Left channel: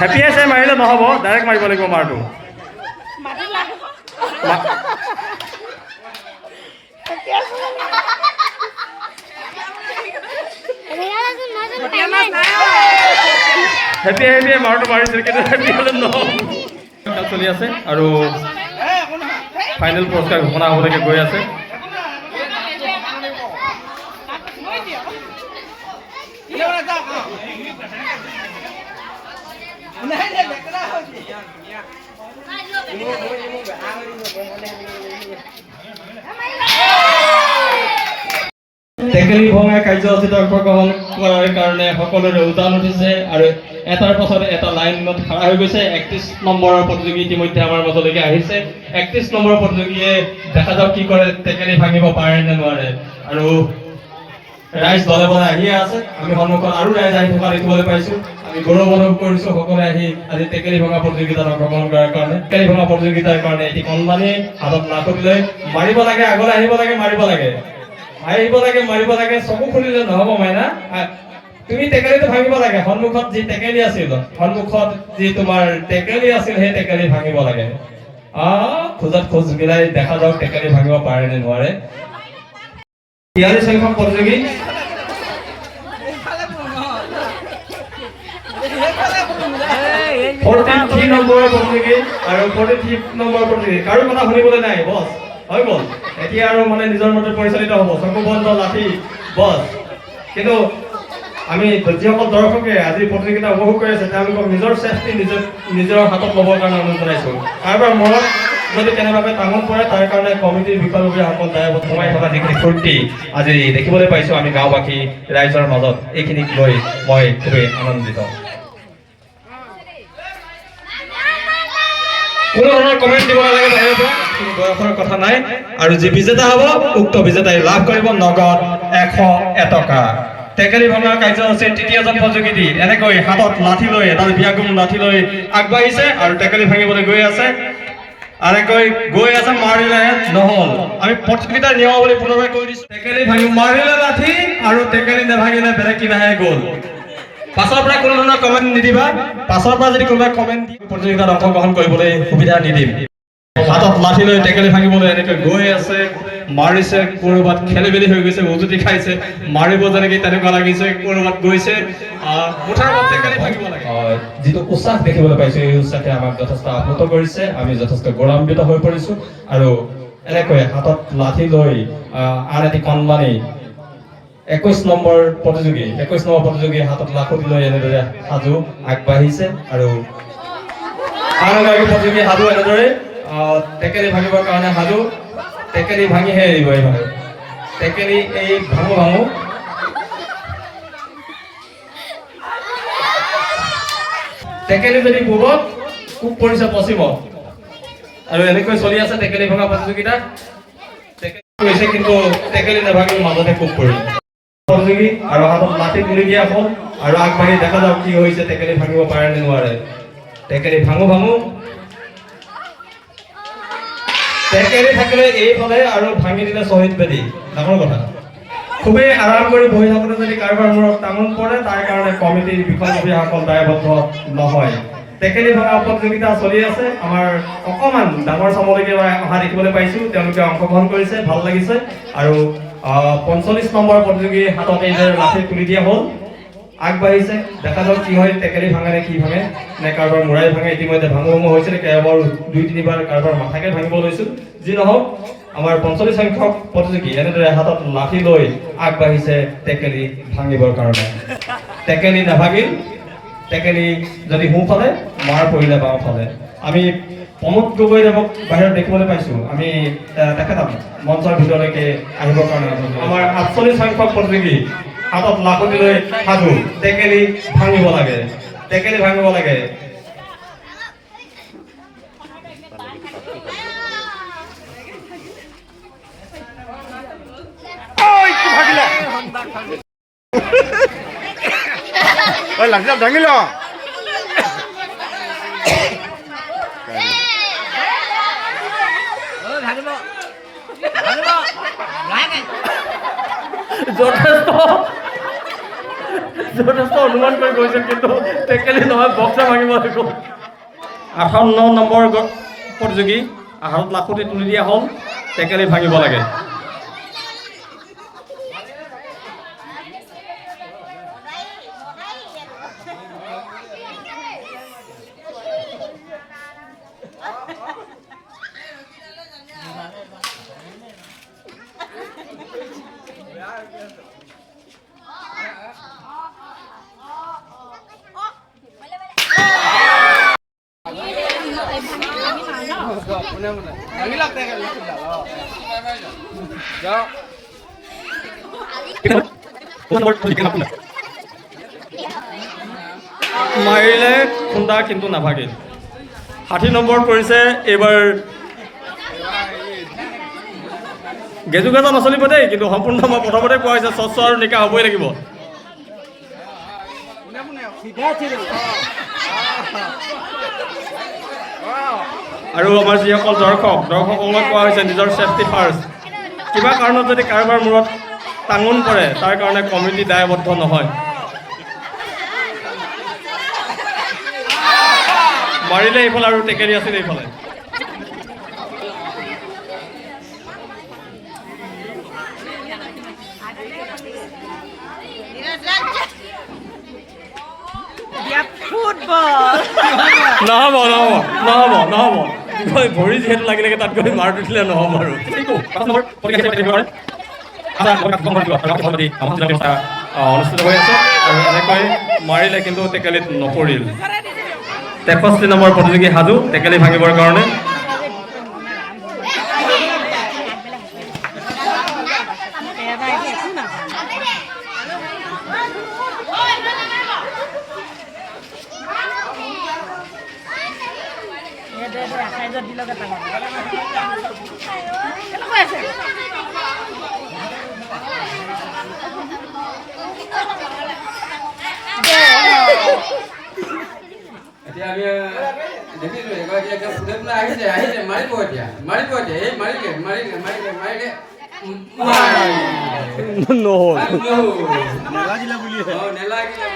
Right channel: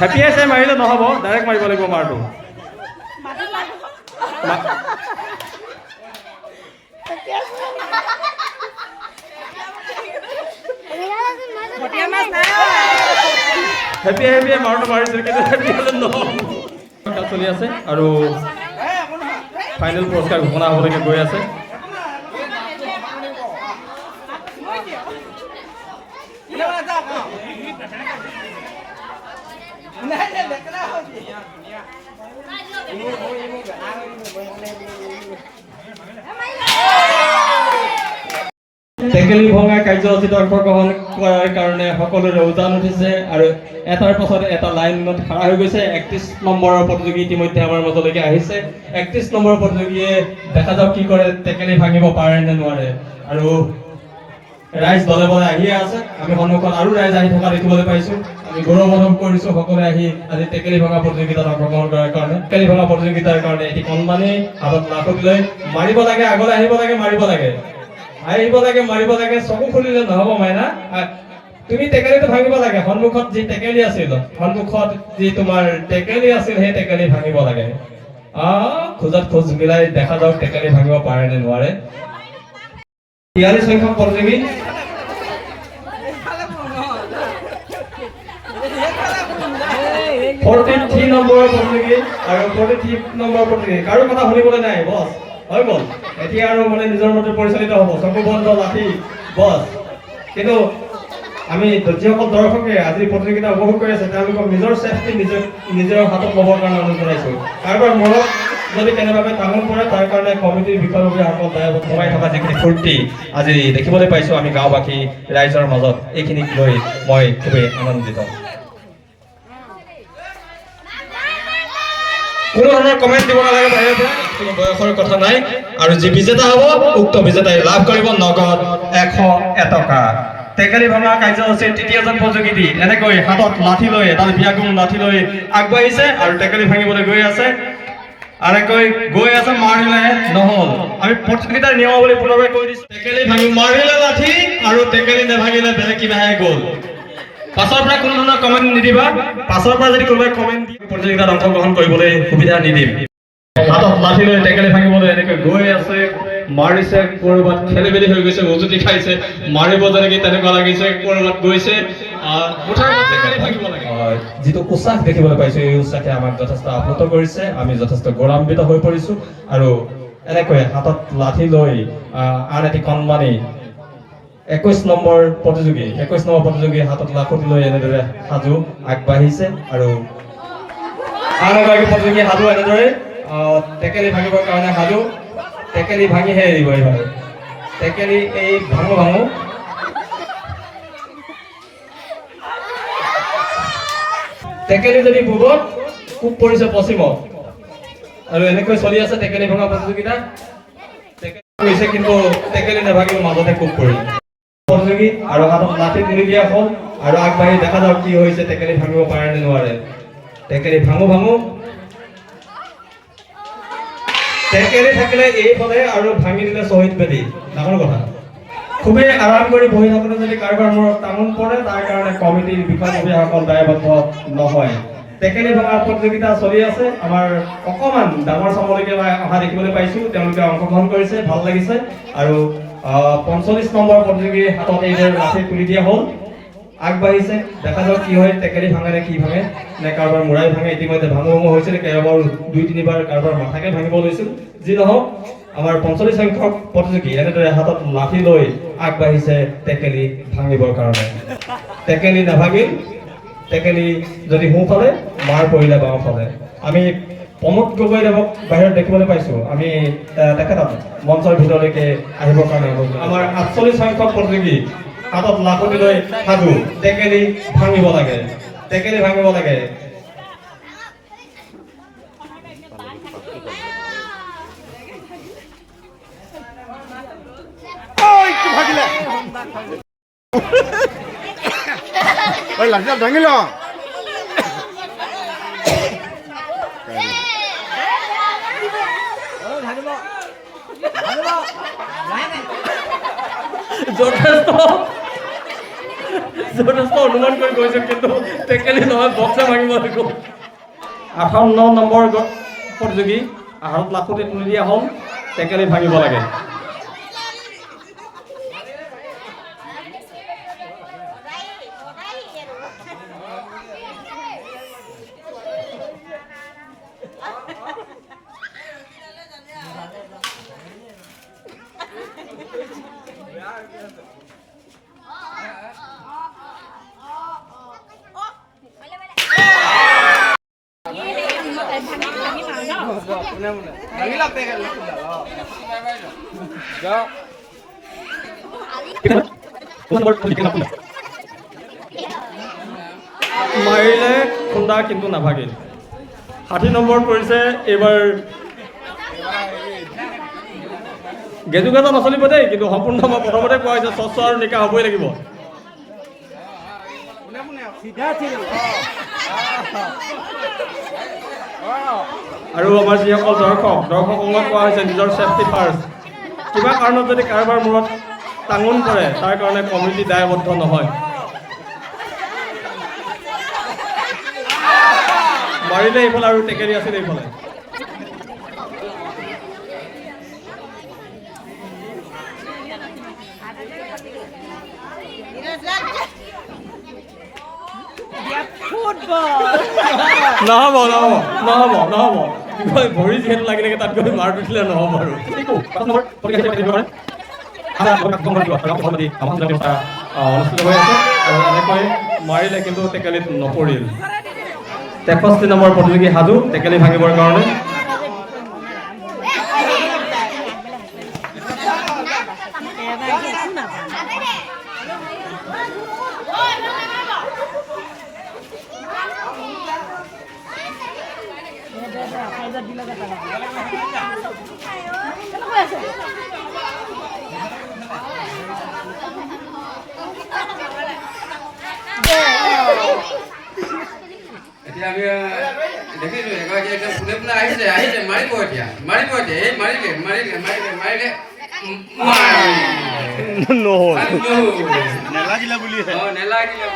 Happy আছে মাৰিলে নহ'ব, ডাইৰেক্ট মাৰিব লাগিব মাৰটো। হেপী হেপী মাৰটো মাৰিছিল, কিন্তু হেপী হ'লে নহ'ব। খেল চলি আছে আৰু ফাইনেল পুৰস্কাৰ ঘোষণা হ'বলৈকে গৈ আছে। টেকেলি ভঙা কাৰ্যসূচীত অংশগ্ৰহণ কৰাৰ কাৰণে সকলোৰে উজান উঠিছে আৰু এটাৰ পাছত এটা লাইনত খাৰা হৈ গৈছে। 31 নম্বৰৰ প্ৰতিযোগী ইতিমধ্যে আমাৰ মাজলৈকে আহিছে। 31 নম্বৰৰ প্ৰতিযোগীয়ে দেখা যাওক কি কৰে, টেকেলি ভাঙিব পাৰে নে নোৱাৰে। আৰু ৰাইজ দলে বলে আহিয়ে আছে। আমি সন্মুখত আৰু ৰাইজ আহি থকা দেখিবলৈ পাইছো। আমি গৌৰৱ অনুভৱ কৰিছো সকলোৱে আহি আজি টেকেলি ভঙা প্ৰতিযোগিতাত অংশগ্ৰহণ কৰাৰ কাৰণে। টেকেলি ভঙা প্ৰতিযোগিতাৰ কাৰণে এটি কণমানি হাতত লাখুটি লৈ মাৰিব লাগে, আগলৈ আহিব লাগে, মাৰিব লাগে, আহিব লাগে, মাৰিব লাগে। চকু খুলিলে নহ'ব মাইনা, তুমি টেকেলিটো ভাঙিব লাগে। সন্মুখত যি টেকেলি আছিল, সন্মুখত যি তোমাৰ টেকেলি আছিল, সেই টেকেলি ভাঙিব লাগে। খোজত খোজ মিলাই দেখা যাওক টেকেলি ভাঙিব পাৰে নে নোৱাৰে। 42 সংখ্যক প্ৰতিযোগী। 43 নম্বৰৰ প্ৰতিযোগী আৰু 43 নম্বৰৰ প্ৰতিযোগী। কাৰো কথা শুনিবলৈ নাই বছ, হৈ গ'ল। এতিয়া আৰু মানে নিজৰ মতে পৰিচালিত হ'ব, চকু বন্ধ, লাঠি বছ। কিন্তু আমি যিসকল দৰ্শকে আজি প্ৰতিযোগিতা উপভোগ কৰি আছে, তেওঁলোকক নিজৰ চেফটি নিজৰ হাতত ল'বৰ কাৰণে অনুৰোধ জনাইছোঁ। কাৰোবাৰ মনত যদি কেনেবাকৈ টাঙন পৰে, তাৰ কাৰণে কমিটিৰ বিষয়ববীয়াসকল দায়বদ্ধ সোমাই থকা যিখিনি ফূৰ্তি আজি দেখিবলৈ পাইছোঁ আমি গাঁওবাসী ৰাইজৰ মাজত, এইখিনিক লৈ মই খুবেই আনন্দিত। কোনো ধৰণৰ কমেণ্ট দিব নালাগে বাহিৰৰ পৰা, কোনো বয়সৰ কথা নাই। আৰু যি বিজেতা হ'ব, উক্ত বিজেতাই লাভ কৰিব নগদ 101 টকা। টেকেলি ভঙা কাৰ্যসূচীৰ তৃতীয়জন প্ৰতিযোগী এনেকৈ হাতত লাঠি লৈ, এডাল বিয়াগুম লাঠি লৈ আগবাঢ়িছে আৰু টেকেলি ভাঙিবলৈ গৈ আছে। এনেকৈ গৈ আছে, মাৰিলে নহ'ল। আমি প্ৰতিযোগিতাৰ নিয়ম বুলি পুনৰবাৰ কৈ দিছোঁ, টেকেলি ভাঙি মাৰিলে লাঠি আৰু টেকেলি নেভাঙিলে বেলেগ কিবাহে গ'ল। পাছৰ পৰা কোনো ধৰণৰ কমেণ্ট নিদিবা। পাছৰ পৰা যদি কোনোবাই কমেণ্ট দি প্ৰতিযোগিতাত অংশগ্ৰহণ কৰিবলৈ সুবিধা নিদিম। হাতত লাঠি লৈ টেকেলি ভাঙিবলৈ এনেকৈ গৈ আছে, মাৰিছে, ক'ৰবাত খেলি মেলি হৈ গৈছে, উজুতি খাইছে, মাৰিব যেনেকৈ তেনেকুৱা লাগিছে, ক'ৰবাত গৈছে, টেকেলি ভাঙিব লাগে। যিটো উৎসাহ দেখিবলৈ পাইছো, এই উৎসাহে আমাক যথেষ্ট আপ্লুত কৰিছে। আমি যথেষ্ট গৌৰৱান্বিত হৈ পৰিছো। আৰু এনেকৈ হাতত লাঠি লৈ আন এটি কণমানি 21 নম্বৰ প্ৰতিযোগীৰ হাতত লাখুটি লৈ এনেদৰে সাজু আগবাঢ়িছে। আৰু আন এগৰাকী প্ৰতিযোগী সাজু এনেদৰে টেকেলি ভাঙিবৰ কাৰণে সাজু। টেকেলি ভাঙিহে এৰিব এইবাৰ। টেকেলি এই ভাঙো ভাঙো। টেকেলি যদি পূবত, কোব পৰিছে পশ্চিমত। আৰু এনেকৈ চলি আছে টেকেলি ভঙা প্ৰতিযোগিতা। টেকেলি কৰিছে, কিন্তু টেকেলি নেভাঙিল, মাজতে কোব পৰিল প্ৰতিযোগী আৰু হাতত লাঠি তুলি দিয়া হ'ল। আৰু আগবাঢ়ি দেখা যাওক কি হৈছে, টেকেলি ভাঙিব পাৰে নে নোৱাৰে। টেকেলি ভাঙো ভাঙো। টেকেলি থাকিলে এইফালে আৰু ভাঙি দিলে শ্বহীদ বেদী, ডাঙৰ কথা। খুবেই আৰাম কৰি বহি থাকোঁতে যদি কাৰোবাৰ মূৰত টাঙন পৰে, তাৰ কাৰণে কমিটিৰ বিষয়ববীয়াসকল দায়বদ্ধ নহয়। টেকেলি ভঙা প্ৰতিযোগিতা চলি আছে। আমাৰ অকণমান ডাঙৰ চামলৈকে অহা দেখিবলৈ পাইছোঁ, তেওঁলোকে অংশগ্ৰহণ কৰিছে, ভাল লাগিছে। আৰু 45 নম্বৰ প্ৰতিযোগীৰ হাতত এইদৰে লাঠি তুলি দিয়া হ'ল, আগবাঢ়িছে। দেখা যাওক কি হয়, টেকেলি ভাঙে নে কি ভাঙে, নে কাৰোবাৰ মূৰাই ভাঙে। ইতিমধ্যে ভাঙো ভাঙো হৈছিলে, কেইবাৰ 2-3বাৰ কাৰোবাৰ মাথাকে ভাঙিব লৈছিল। যি নহওক, আমাৰ 45 সংখ্যক প্ৰতিযোগী এনেদৰে হাতত লাঠি লৈ আগবাঢ়িছে টেকেলি ভাঙিবৰ কাৰণে। টেকেলি নাভাঙিল। টেকেলি যদি সোঁফালে, মাৰ পৰিলে বাওঁফালে। আমি প্ৰমোদ গগৈদেৱক বাহিৰত দেখিবলৈ পাইছোঁ। আমি তেখেতক মঞ্চৰ ভিতৰলৈকে আহিবৰ কাৰণে আমাৰ 48 সংখ্যক প্ৰতিযোগী হাতত লাখুটি লৈ সাজু। টেকেলি ভাঙিব লাগে, টেকেলি ভাঙিব লাগে। লাঠিডাল দাঙি ল যথেষ্ট যথেষ্ট অনুমান কৰি গৈছিল কিন্তু টেকেলি নহয় বক্সা ভাঙিব লাগিব 58 নম্বৰ প্ৰতিযোগী আহাৰত লাখুটি তুলি দিয়া হ'ল টেকেলি ভাঙিব লাগে মাৰিলে খুন্দা কিন্তু নাভাগিল 60 নম্বৰ পৰিছে এইবাৰ গেজুগাজা নচলিব দেই কিন্তু সম্পূৰ্ণ মই প্ৰথমতে কোৱা হৈছে স্বচ্ছ আৰু নিকা হ'বই লাগিব আৰু আমাৰ যিসকল দৰ্শকক কোৱা হৈছে নিজৰ ছেফটি ফাৰ্ষ্ট কিবা কাৰণত যদি কাৰোবাৰ মূৰত টাঙোন পৰে তাৰ কাৰণে কমিটি দায়বদ্ধ নহয় মাৰিলে এইফালে আৰু টেকেলি আছিল এইফালে নহ'ব নহ'ব নহ'ব নহ'ব ভৰি যিহেতু লাগি লাগে তাত গৈ মাৰ উঠিলে নহ'ব আৰু অনুষ্ঠিত হৈ আছে আৰু এনেকৈ মাৰিলে কিন্তু টেকেলিত নপৰিল 63 নম্বৰ প্ৰতিযোগী সাজু টেকেলি ভাঙিবৰ কাৰণে এতিয়া আমি দেখিছোঁ ফুলে ফুলে আহিছে মাৰিব এতিয়া এই মাৰিলে নহ'ল নেলাগিলে বুলি নেলাগিলে